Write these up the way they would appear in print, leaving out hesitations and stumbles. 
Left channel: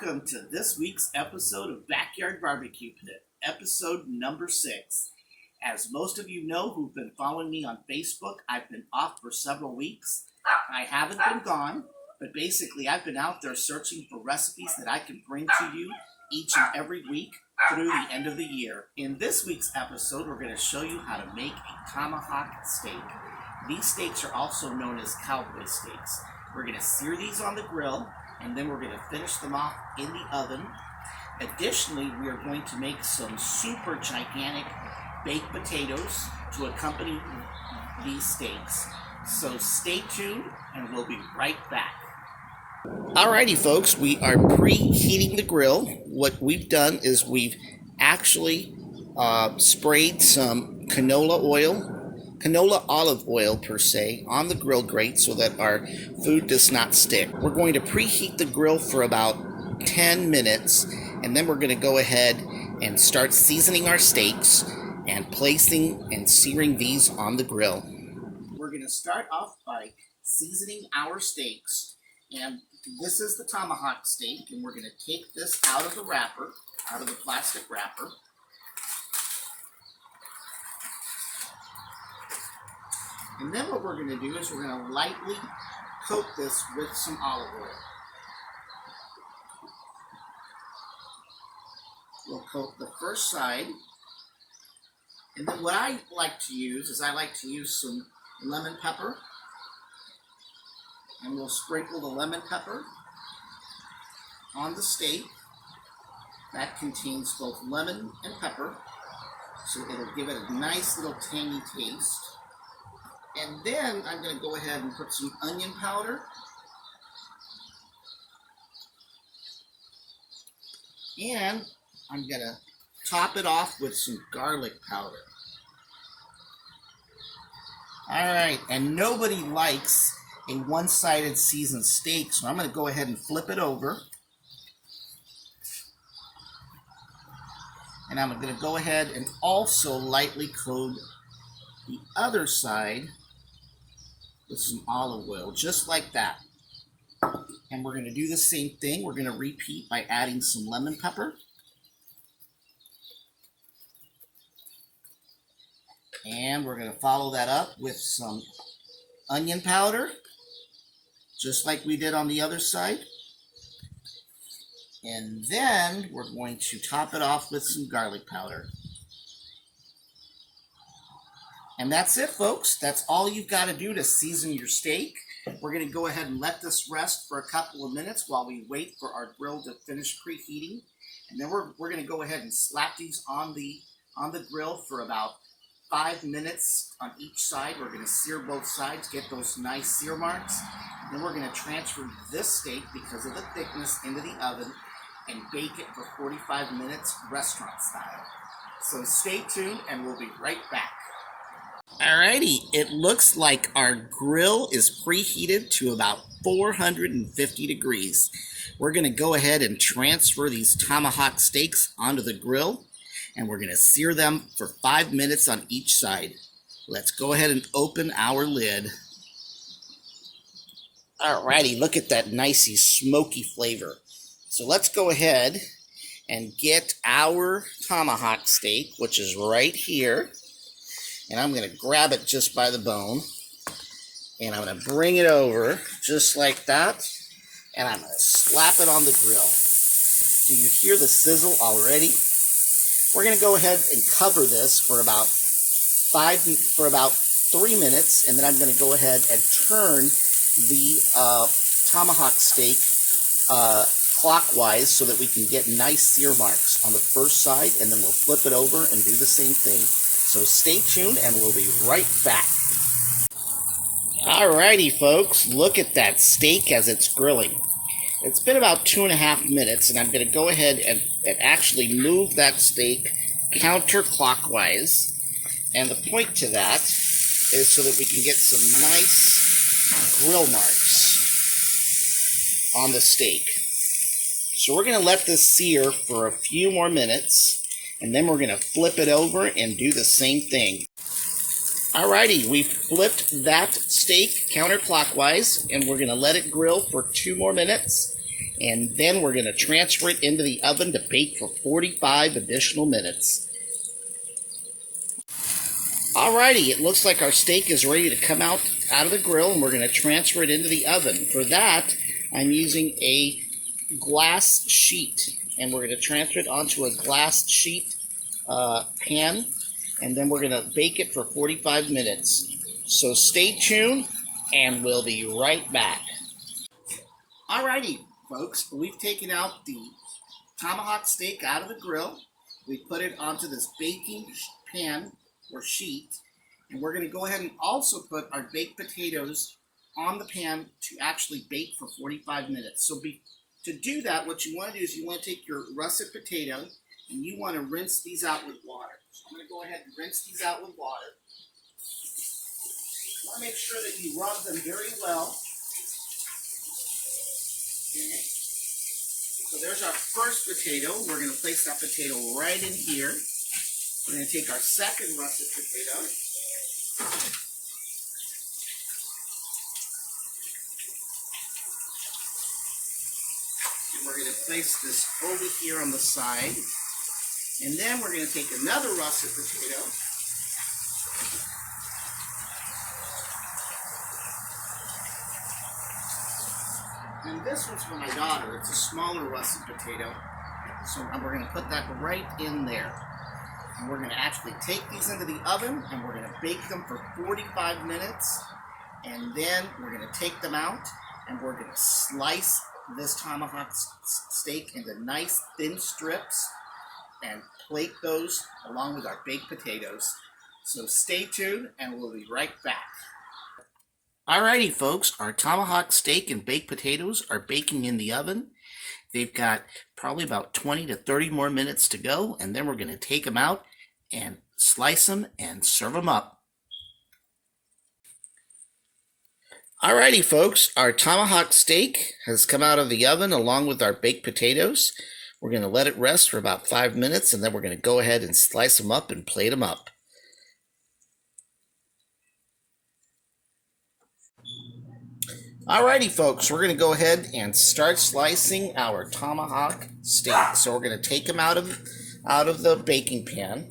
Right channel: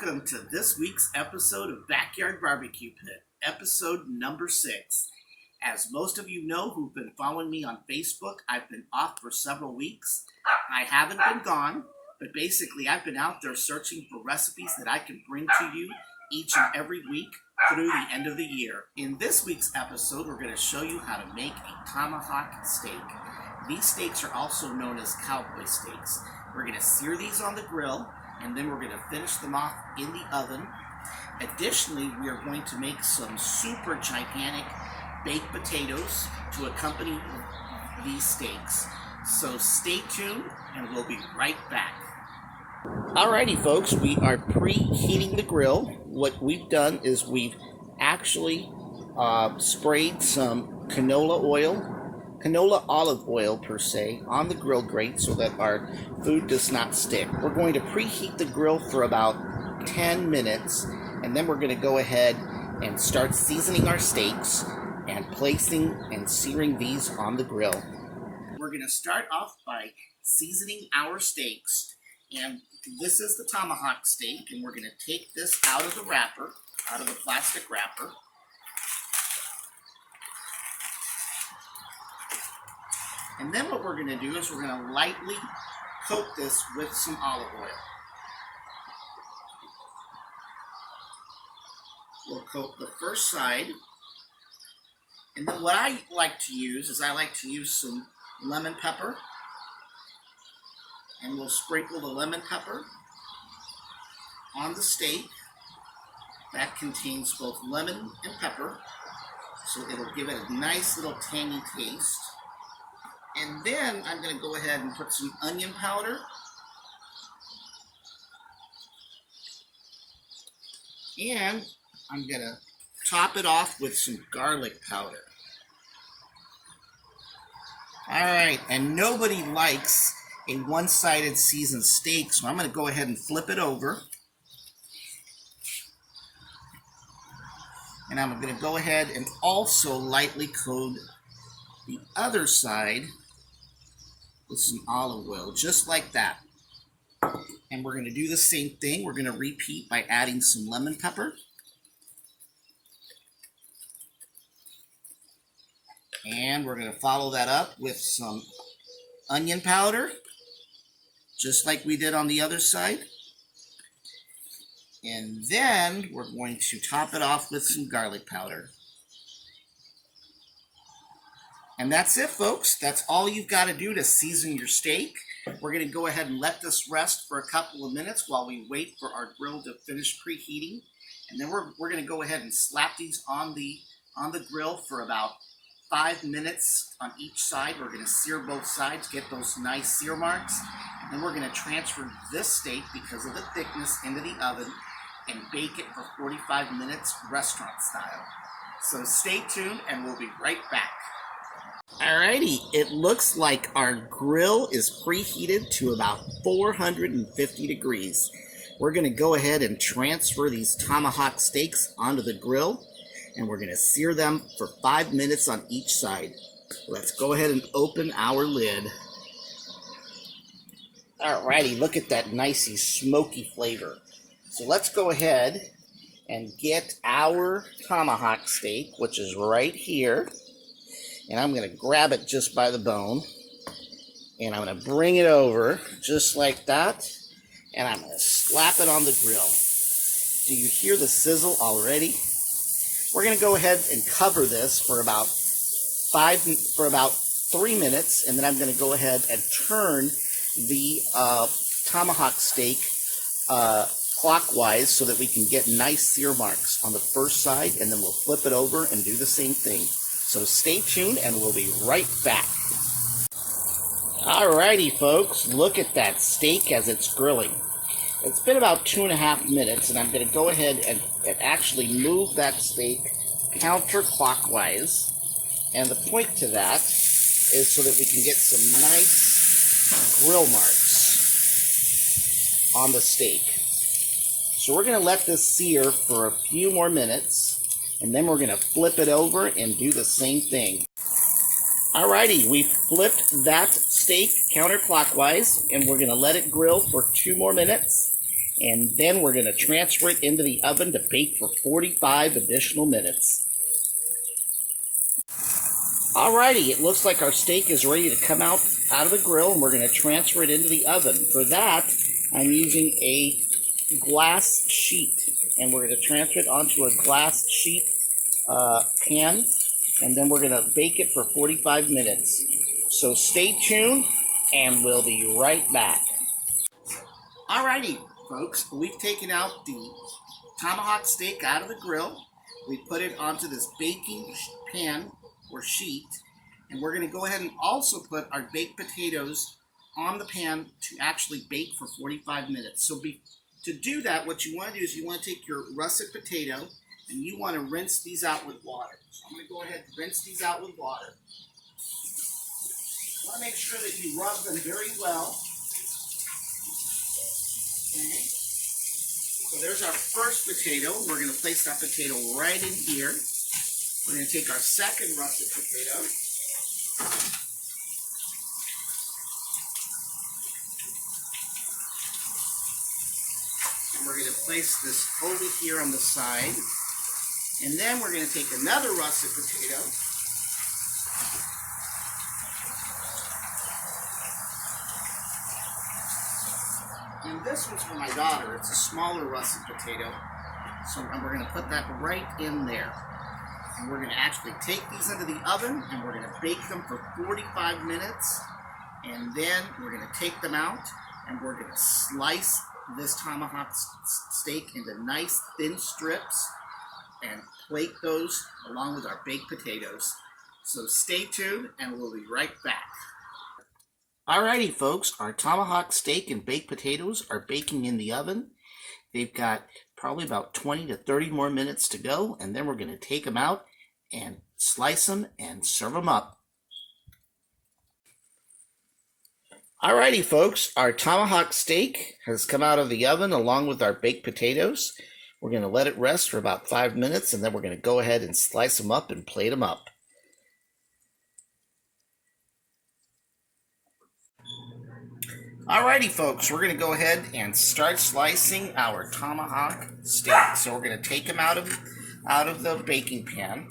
welcome to this week's episode of Backyard Barbecue Pit, episode number 6. As most of you know who've been following me on Facebook, I've been off for several weeks. I haven't been gone, but basically I've been out there searching for recipes that I can bring to you each and every week through the end of the year. In this week's episode, we're going to show you how to make a tomahawk steak. These steaks are also known as cowboy steaks. We're going to sear these on the grill, and then we're going to finish them off in the oven. Additionally, we are going to make some super gigantic baked potatoes to accompany these steaks. So stay tuned, and we'll be right back. Alrighty, folks, we are preheating the grill. What we've done is we've actually sprayed some canola olive oil per se, on the grill grate so that our food does not stick. We're going to preheat the grill for about 10 minutes, and then we're going to go ahead and start seasoning our steaks and placing and searing these on the grill. We're going to start off by seasoning our steaks, and this is the tomahawk steak, and we're going to take this out of the wrapper, out of the plastic wrapper. And then what we're going to do is we're going to lightly coat this with some olive oil. We'll coat the first side. And then what I like to use is I like to use some lemon pepper. And we'll sprinkle the lemon pepper on the steak. That contains both lemon and pepper, so it'll give it a nice little tangy taste. And then I'm going to go ahead and put some onion powder. And I'm going to top it off with some garlic powder. Alright, and nobody likes a one-sided seasoned steak, so I'm going to go ahead and flip it over. And I'm going to go ahead and also lightly coat the other side with some olive oil, just like that. And we're going to do the same thing. We're going to repeat by adding some lemon pepper. And we're going to follow that up with some onion powder, just like we did on the other side. And then we're going to top it off with some garlic powder. And that's it, folks. That's all you've got to do to season your steak. We're going to go ahead and let this rest for a couple of minutes while we wait for our grill to finish preheating. And then we're going to go ahead and slap these on the grill for about 5 minutes on each side. We're going to sear both sides, get those nice sear marks. And then we're going to transfer this steak, because of the thickness, into the oven and bake it for 45 minutes restaurant style. So stay tuned, and we'll be right back. Alrighty, it looks like our grill is preheated to about 450 degrees. We're going to go ahead and transfer these tomahawk steaks onto the grill, and we're going to sear them for 5 minutes on each side. Let's go ahead and open our lid. Alrighty, look at that nicey smoky flavor. So let's go ahead and get our tomahawk steak, which is right here. And I'm going to grab it just by the bone, and I'm going to bring it over just like that, and I'm going to slap it on the grill. Do you hear the sizzle already? We're going to go ahead and cover this for about 3 minutes, and then I'm going to go ahead and turn the tomahawk steak clockwise so that we can get nice sear marks on the first side, and then we'll flip it over and do the same thing. So stay tuned, and we'll be right back. Alrighty, folks, look at that steak as it's grilling. It's been about 2.5 minutes, and I'm going to go ahead and actually move that steak counterclockwise. And the point to that is so that we can get some nice grill marks on the steak. So we're going to let this sear for a few more minutes, and then we're going to flip it over and do the same thing. Alrighty, we flipped that steak counterclockwise, and we're going to let it grill for 2 more minutes. And then we're going to transfer it into the oven to bake for 45 additional minutes. Alrighty, it looks like our steak is ready to come out of the grill, and we're going to transfer it into the oven. For that, I'm using a glass sheet, and we're going to transfer it onto a glass sheet pan, and then we're going to bake it for 45 minutes. So stay tuned, and we'll be right back. Alrighty, folks, we've taken out the tomahawk steak out of the grill. We put it onto this baking pan or sheet, and we're going to go ahead and also put our baked potatoes on the pan to actually bake for 45 minutes. So to do that, what you want to do is you want to take your russet potato and you want to rinse these out with water. So I'm going to go ahead and rinse these out with water. You want to make sure that you rub them very well. Okay. So there's our first potato. We're going to place that potato right in here. We're going to take our second russet potato. And we're going to place this over here on the side. And then we're going to take another russet potato. And this one's for my daughter. It's a smaller russet potato. So we're going to put that right in there. And we're going to actually take these into the oven, and we're going to bake them for 45 minutes. And then we're going to take them out, and we're going to slice this tomahawk steak into nice thin strips and plate those along with our baked potatoes. So stay tuned, and we'll be right back. Alrighty, folks, our tomahawk steak and baked potatoes are baking in the oven. They've got probably about 20 to 30 more minutes to go, and then we're going to take them out and slice them and serve them up. Alrighty, folks, our tomahawk steak has come out of the oven along with our baked potatoes. We're going to let it rest for about 5 minutes, and then we're going to go ahead and slice them up and plate them up. Alrighty, folks, we're going to go ahead and start slicing our tomahawk steak. So we're going to take them out of the baking pan,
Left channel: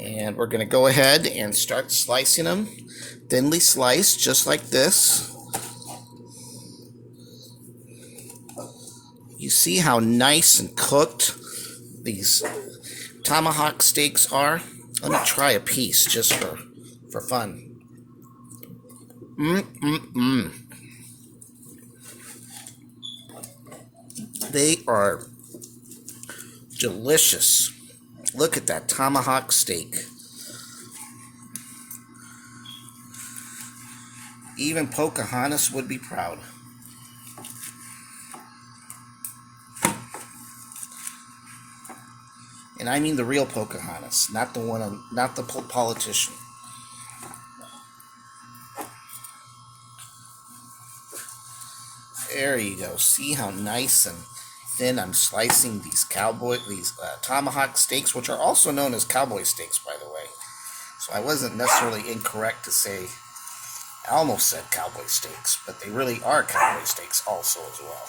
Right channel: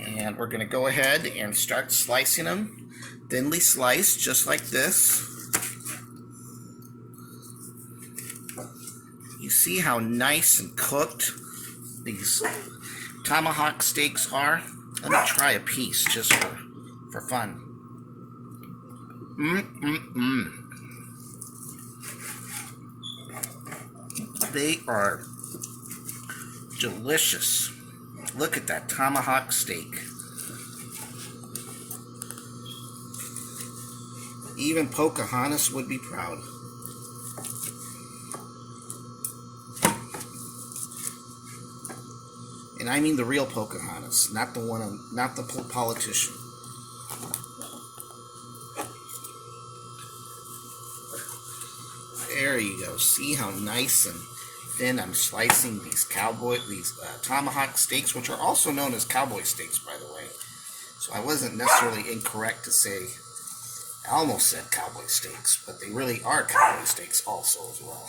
and we're going to go ahead and start slicing them, thinly sliced, just like this. You see how nice and cooked these tomahawk steaks are? Let me try a piece just for fun. They are delicious. Look at that tomahawk steak. Even Pocahontas would be proud. And I mean the real Pocahontas, not the politician. There you go. See how nice and thin I'm slicing these tomahawk steaks, which are also known as cowboy steaks, by the way. So I wasn't necessarily incorrect to say, I almost said cowboy steaks, but they really are cowboy steaks also as well.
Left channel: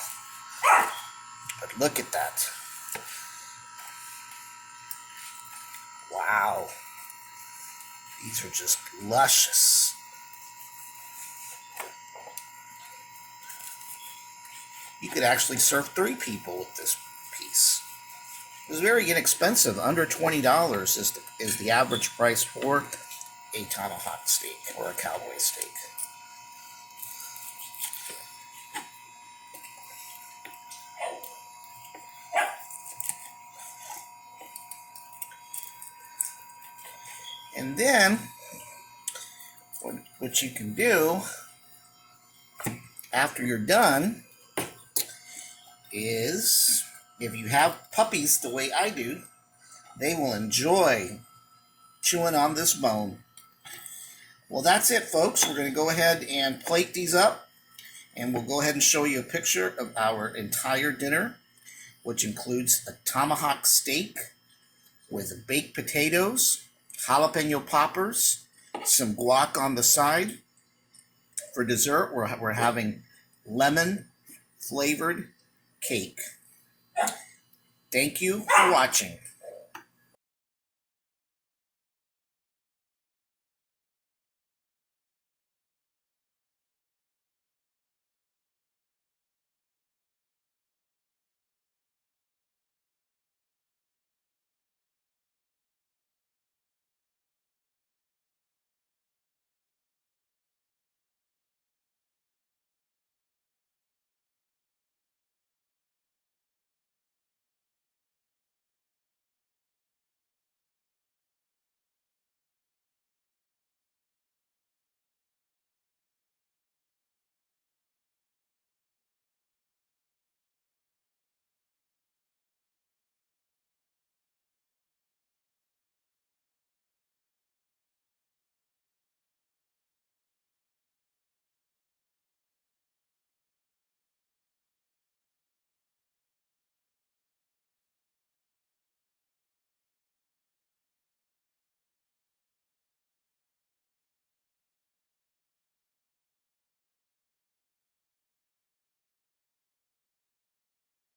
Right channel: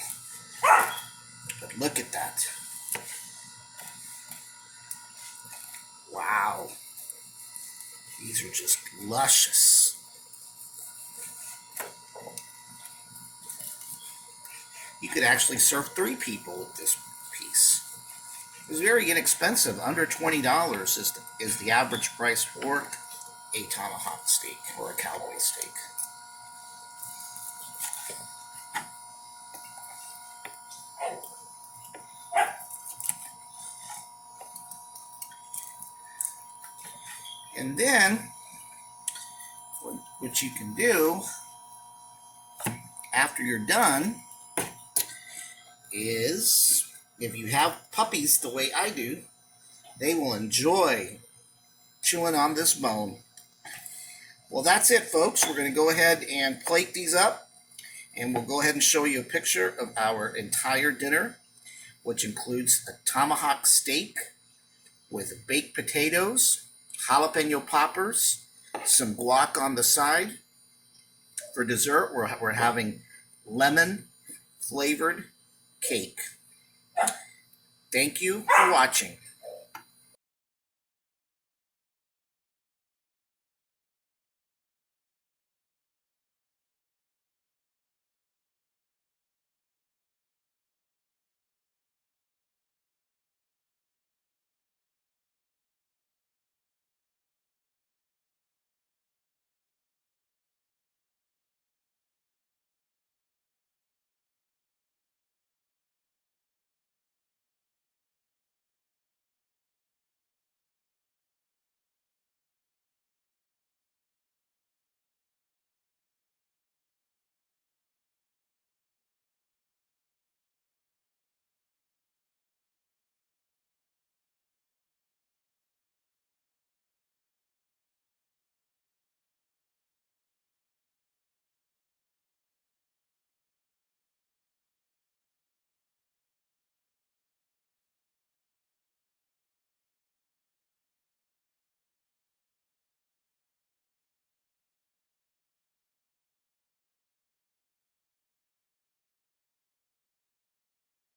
But look at that. Wow. These are just luscious. You could actually serve 3 people with this piece. It was very inexpensive. Under $20 is the average price for a tomahawk steak or a cowboy steak. And then, what you can do after you're done is, if you have puppies the way I do, they will enjoy chewing on this bone. Well, that's it, folks. We're going to go ahead and plate these up, and we'll go ahead and show you a picture of our entire dinner, which includes a tomahawk steak with baked potatoes, jalapeno poppers, some guac on the side. For dessert, we're having lemon flavored cake. Thank you for watching.